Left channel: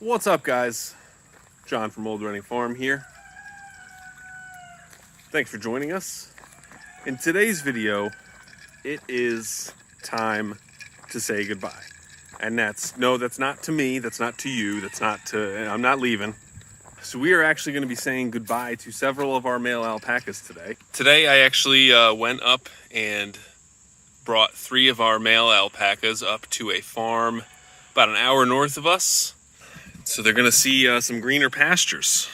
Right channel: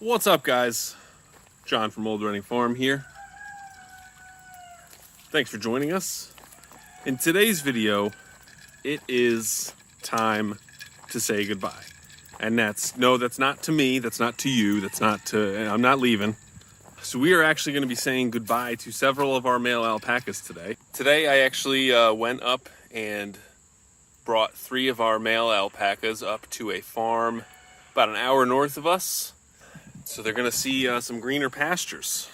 What's up, guys? John from Old Running Farm here. Thanks for joining us. In today's video, it is time to say goodbye. And that's not to me, that's not to you, I'm not leaving. So we are actually going to be saying goodbye to several of our male alpacas today. Today I actually went up and brought 3 of our male alpacas up to a farm about an hour north of us. So they're gonna see some greener pastures.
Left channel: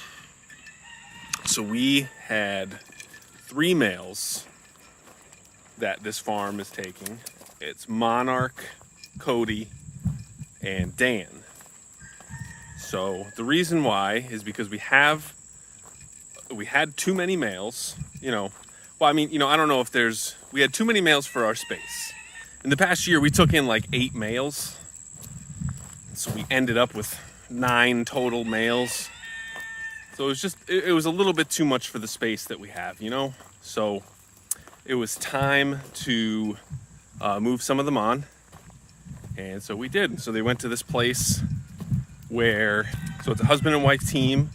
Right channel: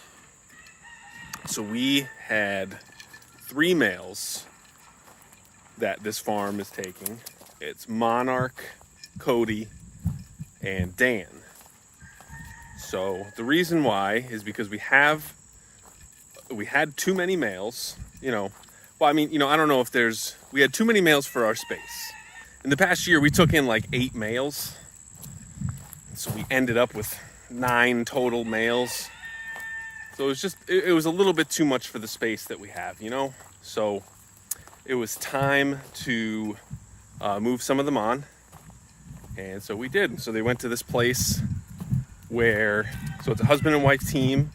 So we had 3 males that this farm is taking. It's Monarch, Cody, and Dan. So the reason why is because we had too many males, I don't know if we had too many males for our space. In the past year, we took in like 8 males. So we ended up with 9 total males. So it was a little bit too much for the space that we have, So it was time to move some of them on. And so we did. So they went to this place so it's a husband and wife team.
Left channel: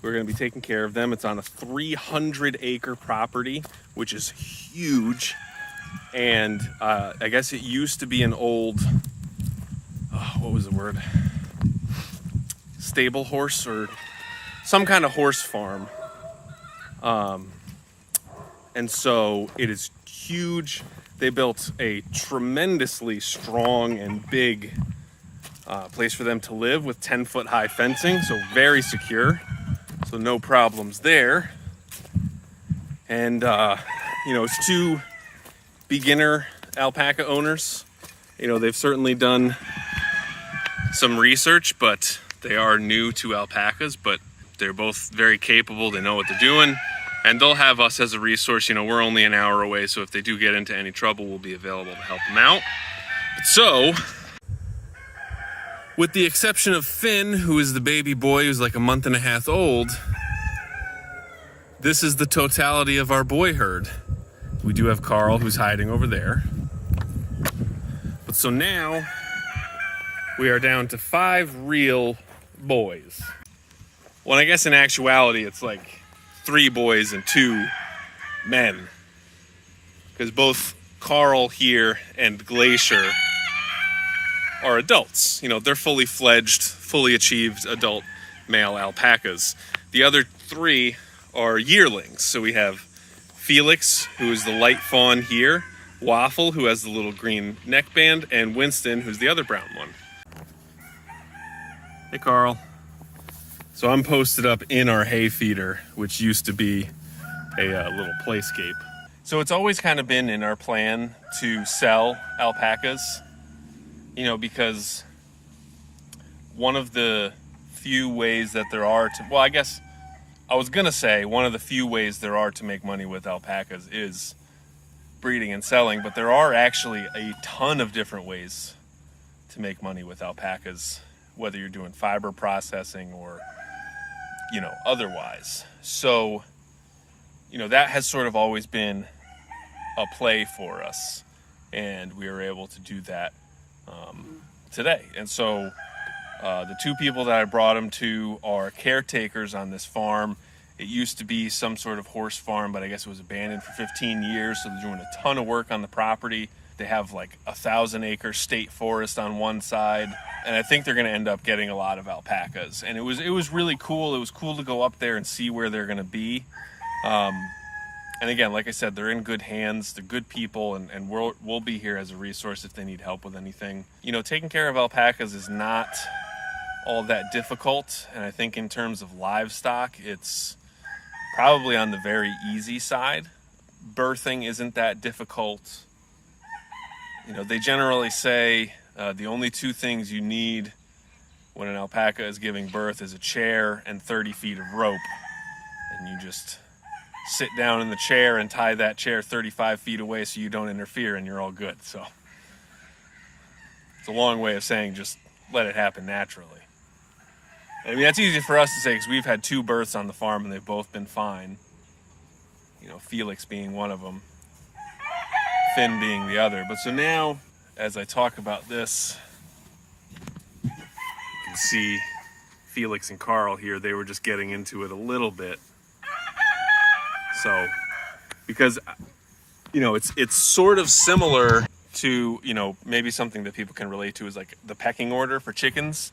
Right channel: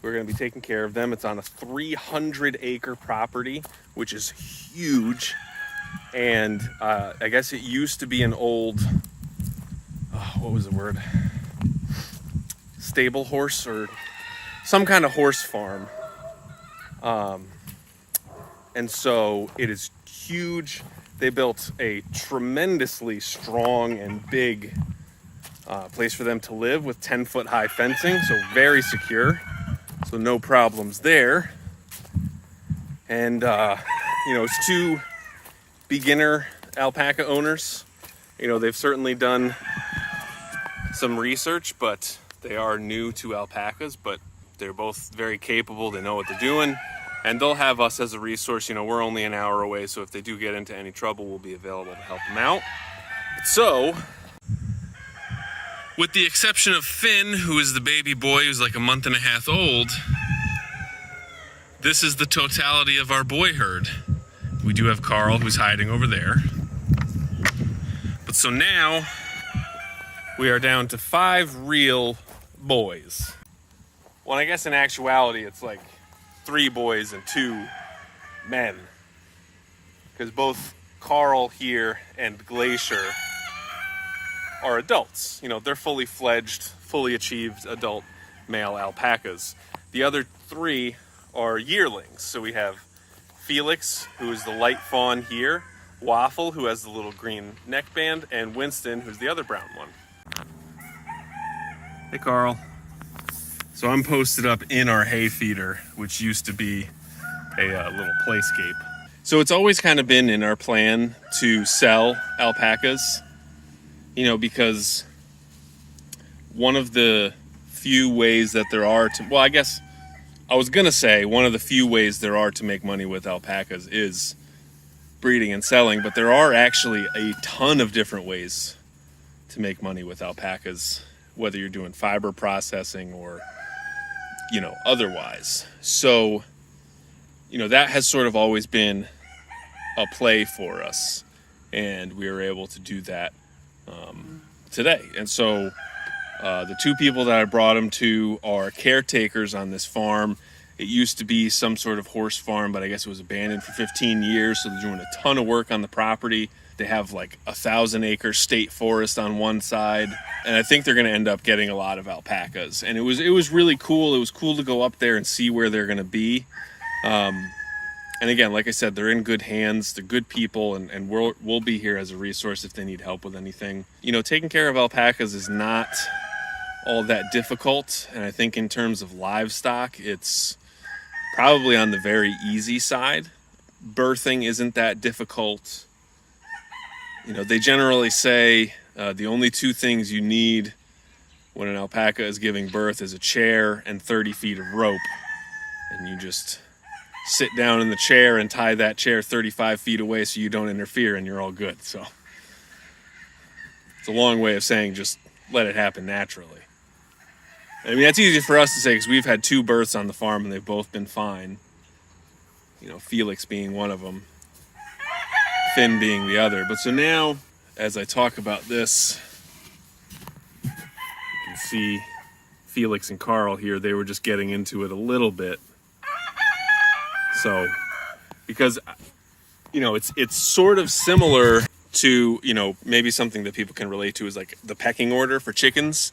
We're going to be taking care of them. It's on a 300-acre property, which is huge. And I guess it used to be an old, what was the word? Stable horse or some kind of horse farm. And so it is huge. They built a tremendously strong and big place for them to live with 10-foot high fencing, so very secure. So no problems there. And it's 2 beginner alpaca owners. They've certainly done some research, but they are new to alpacas, but they're both very capable. They know what they're doing, and they'll have us as a resource. We're only an hour away, so if they do get into any trouble, we'll be available to help them out. So, with the exception of Finn, who is the baby boy who's like a month and a half old, this is the totality of our boy herd. We do have Carl, who's hiding over there. But so now, we are down to 5 real boys. Well, I guess in actuality, it's like 3 boys and 2 men. Because both Carl here and Glacier are adults. They're fully fledged, fully achieved adult male alpacas. The other 3 are yearlings. So we have Felix, who is the light fawn here, Waffle, who has the little green neckband, and Winston, who's the other brown one. Hey, Carl. So I'm posted up in our hay feeder, which used to be a little playscape. So it's always kind of been in our plan to sell alpacas, because one of the few ways that there are to, well, I guess I was going to say one of the few ways there are to make money with alpacas is breeding and selling, but there are actually a ton of different ways to make money with alpacas, whether you're doing fiber processing or, otherwise. So, that has sort of always been a play for us, and we were able to do that today. And so the 2 people that I brought them to are caretakers on this farm. It used to be some sort of horse farm, but I guess it was abandoned for 15 years, so they're doing a ton of work on the property. They have like 1,000-acre state forest on one side, and I think they're going to end up getting a lot of alpacas. And it was really cool. It was cool to go up there and see where they're going to be. And again, like I said, they're in good hands. They're good people, and we'll be here as a resource if they need help with anything. Taking care of alpacas is not all that difficult, and I think in terms of livestock, it's probably on the very easy side. Birthing isn't that difficult. They generally say the only 2 things you need when an alpaca is giving birth is a chair and 30 feet of rope. And you just sit down in the chair and tie that chair 35 feet away so you don't interfere, and you're all good. So it's a long way of saying just let it happen naturally. That's easy for us to say because we've had 2 births on the farm and they've both been fine. Felix being one of them, Finn being the other. But so now, as I talk about this, you can see Felix and Carl here, they were just getting into it a little bit. So, because, it's sort of similar to, maybe something that people can relate to is like the pecking order for chickens,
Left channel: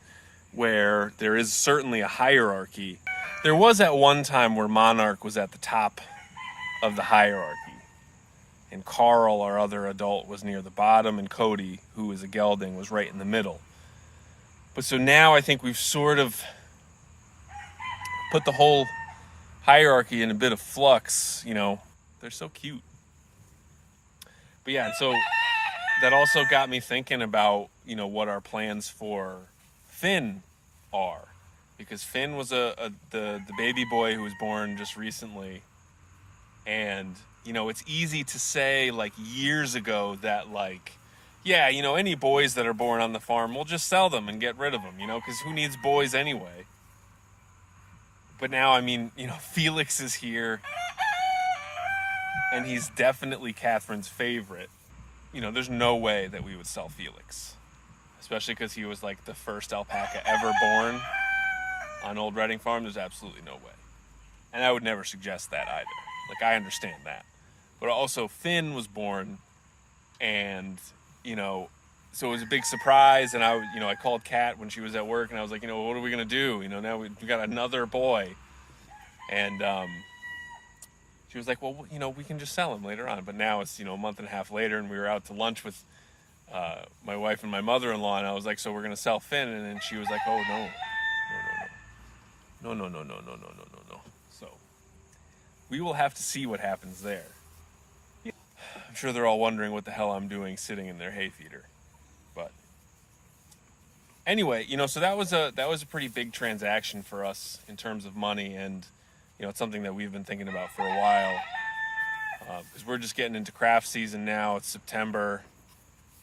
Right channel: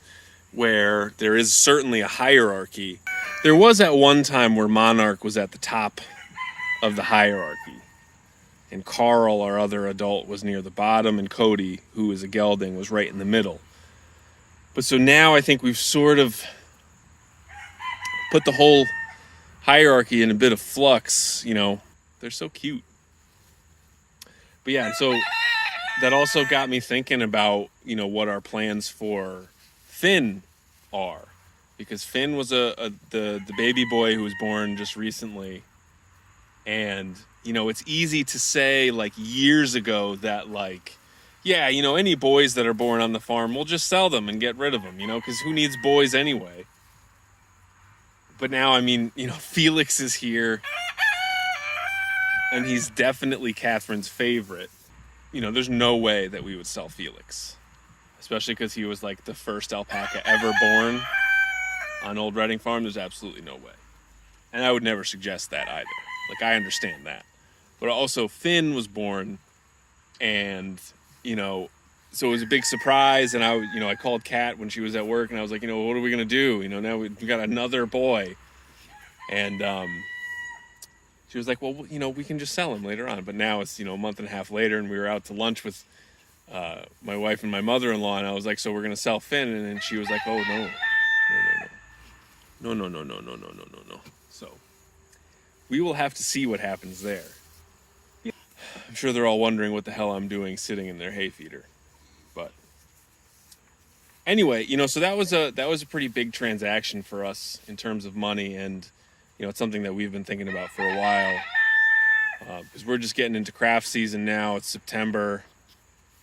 where there is certainly a hierarchy. There was at one time where Monarch was at the top of the hierarchy, and Carl, our other adult, was near the bottom, and Cody, who is a gelding, was right in the middle. But so now I think we've sort of put the whole hierarchy in a bit of flux. They're so cute. But yeah, so that also got me thinking about, what our plans for Finn are. Because Finn was the baby boy who was born just recently. And, it's easy to say, like, years ago that, like, yeah, any boys that are born on the farm, we'll just sell them and get rid of them, because who needs boys anyway? But now, Felix is here, and he's definitely Catherine's favorite. There's no way that we would sell Felix, especially because he was, like, the first alpaca ever born on Old Reading Farm. There's absolutely no way. And I would never suggest that either. Like, I understand that. But also, Finn was born, and, so it was a big surprise, and I called Kat when she was at work, and I was like, what are we going to do? Now we got another boy. And she was like, well, we can just sell him later on. But now it's, a month and a half later, and we were out to lunch with my wife and my mother-in-law, and I was like, so we're going to sell Finn? And then she was like, oh, no. No. So we will have to see what happens there. I'm sure they're all wondering what the hell I'm doing sitting in their hay feeder. But anyway, so that was a pretty big transaction for us in terms of money, and it's something that we've been thinking about for a while, because we're just getting into craft season now. It's September,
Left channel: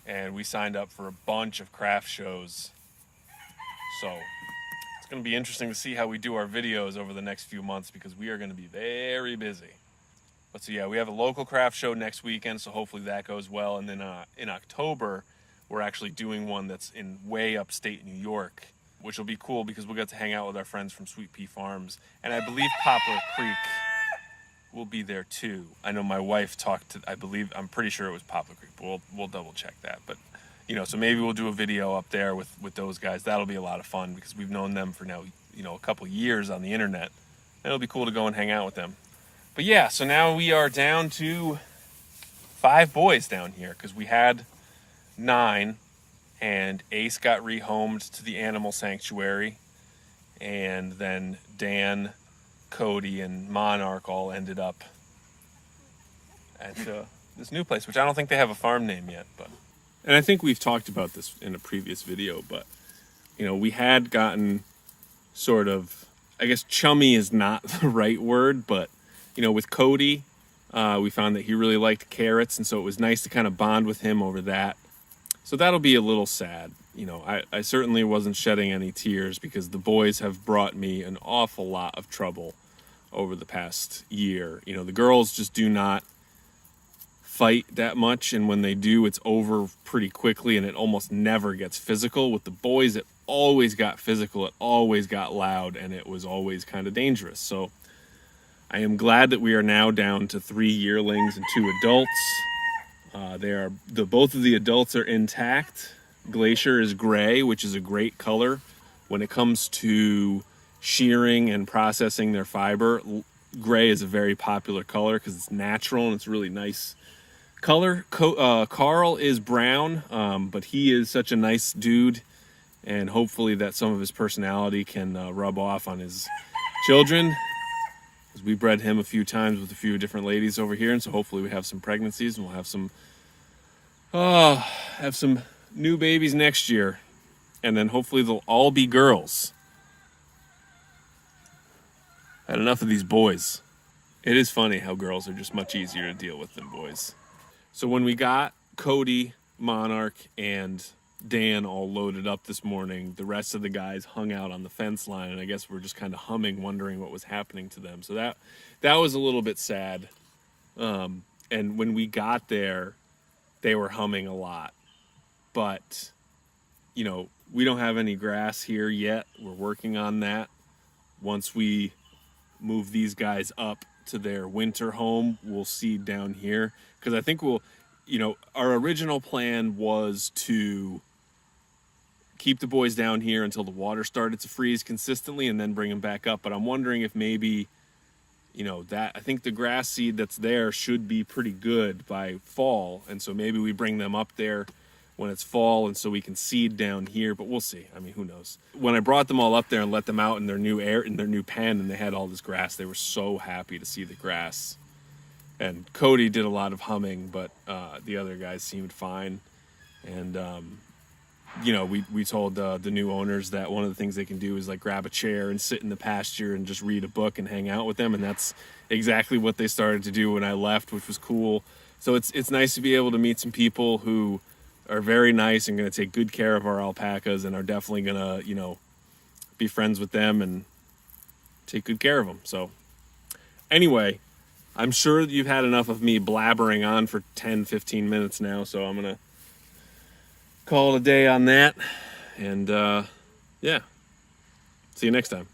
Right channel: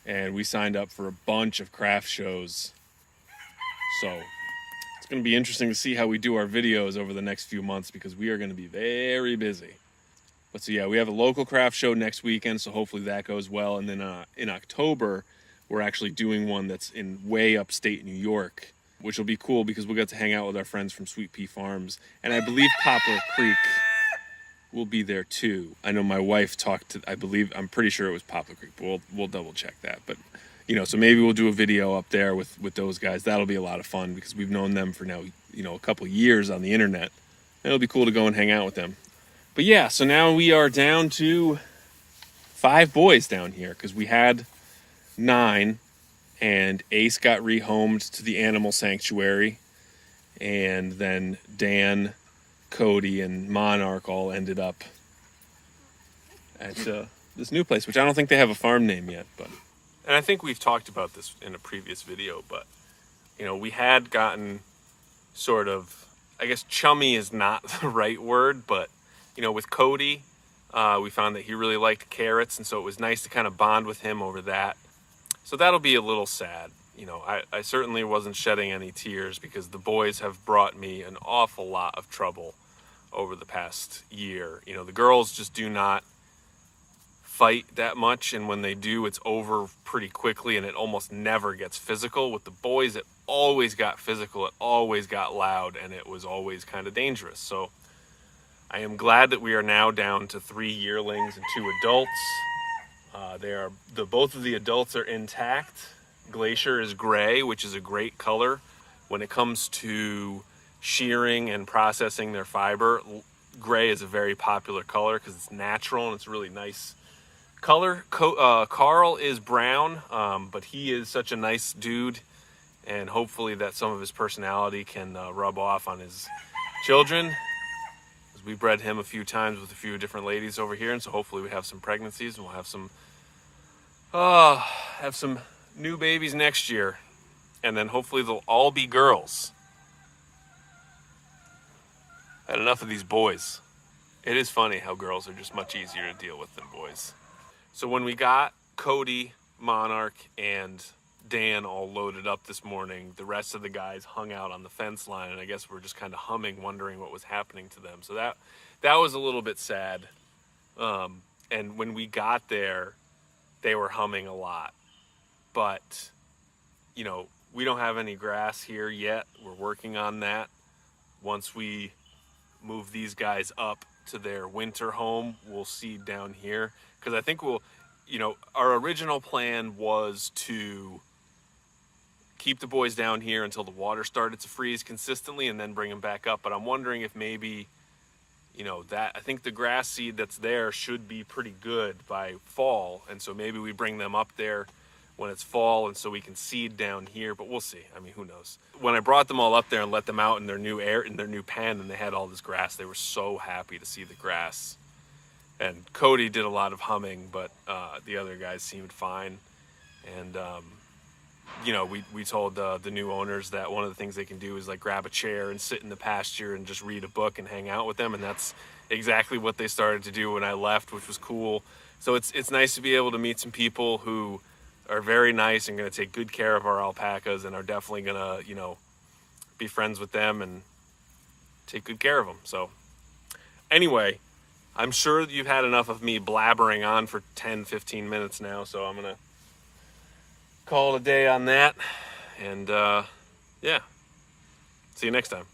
and we signed up for a bunch of craft shows. So it's going to be interesting to see how we do our videos over the next few months, because we are going to be very busy. But so yeah, we have a local craft show next weekend, so hopefully that goes well. And then in October, we're actually doing one that's in way upstate New York, which will be cool because we'll get to hang out with our friends from Sweet Pea Farms. And I believe Poplar Creek will be there too. I know my wife talked to, I'm pretty sure it was Poplar Creek, but we'll double check that. But, so maybe we'll do a video up there with those guys. That'll be a lot of fun because we've known them for now, a couple years on the internet. It'll be cool to go and hang out with them. But yeah, so now we are down to 5 boys down here, because we had 9, and Ace got rehomed to the animal sanctuary, and then Dan, Cody, and Monarch all ended up at this new place, which I don't think they have a farm name yet. And I think we've talked about this in a previous video, but we had gotten sort of, I guess chummy is not the right word, but with Cody, we found that he really liked carrots, and so it was nice to kind of bond with him over that. So that'll be a little sad. I certainly wasn't shedding any tears, because the boys have brought me an awful lot of trouble over the past year. The girls just do not fight that much, and when they do, it's over pretty quickly, and it almost never gets physical. With the boys, it always got physical, it always got loud, and it was always kind of dangerous. So I am glad that we are now down to 3 yearlings and 2 adults. Both of the adults are intact. Glacier is gray, which is a great color. When it comes to shearing and processing their fiber, gray is a very popular color because it's natural and it's a really nice color. Carl is brown, but he is such a nice dude, and hopefully that some of his personality can rub off on his children. We bred him a few times with a few different ladies over here, and so hopefully we have some pregnancies, and we'll have some new babies next year, and then hopefully they'll all be girls. I had enough of these boys. It is funny how girls are just much easier to deal with than boys. So when we got Cody, Monarch, and Dan all loaded up this morning, the rest of the guys hung out on the fence line, and I guess we're just kind of humming, wondering what was happening to them. So that was a little bit sad. And when we got there, they were humming a lot. But, we don't have any grass here yet. We're working on that. Once we move these guys up to their winter home, we'll seed down here. Because I think we'll, our original plan was to keep the boys down here until the water started to freeze consistently and then bring them back up. But I'm wondering if maybe, I think the grass seed that's there should be pretty good by fall. And so maybe we bring them up there when it's fall, and so we can seed down here, but we'll see. I mean, who knows? When I brought them all up there and let them out in their new pen, and they had all this grass, they were so happy to see the grass. And Cody did a lot of humming, but the other guys seemed fine. And we told the new owners that one of the things they can do is like grab a chair and sit in the pasture and just read a book and hang out with them, and that's exactly what they started to do when I left, which was cool. So it's nice to be able to meet some people who are very nice and going to take good care of our alpacas and are definitely going to, be friends with them and take good care of them. So anyway, I'm sure you've had enough of me blabbering on for 10, 15 minutes now. So I'm going to call it a day on that. And yeah, see you next time.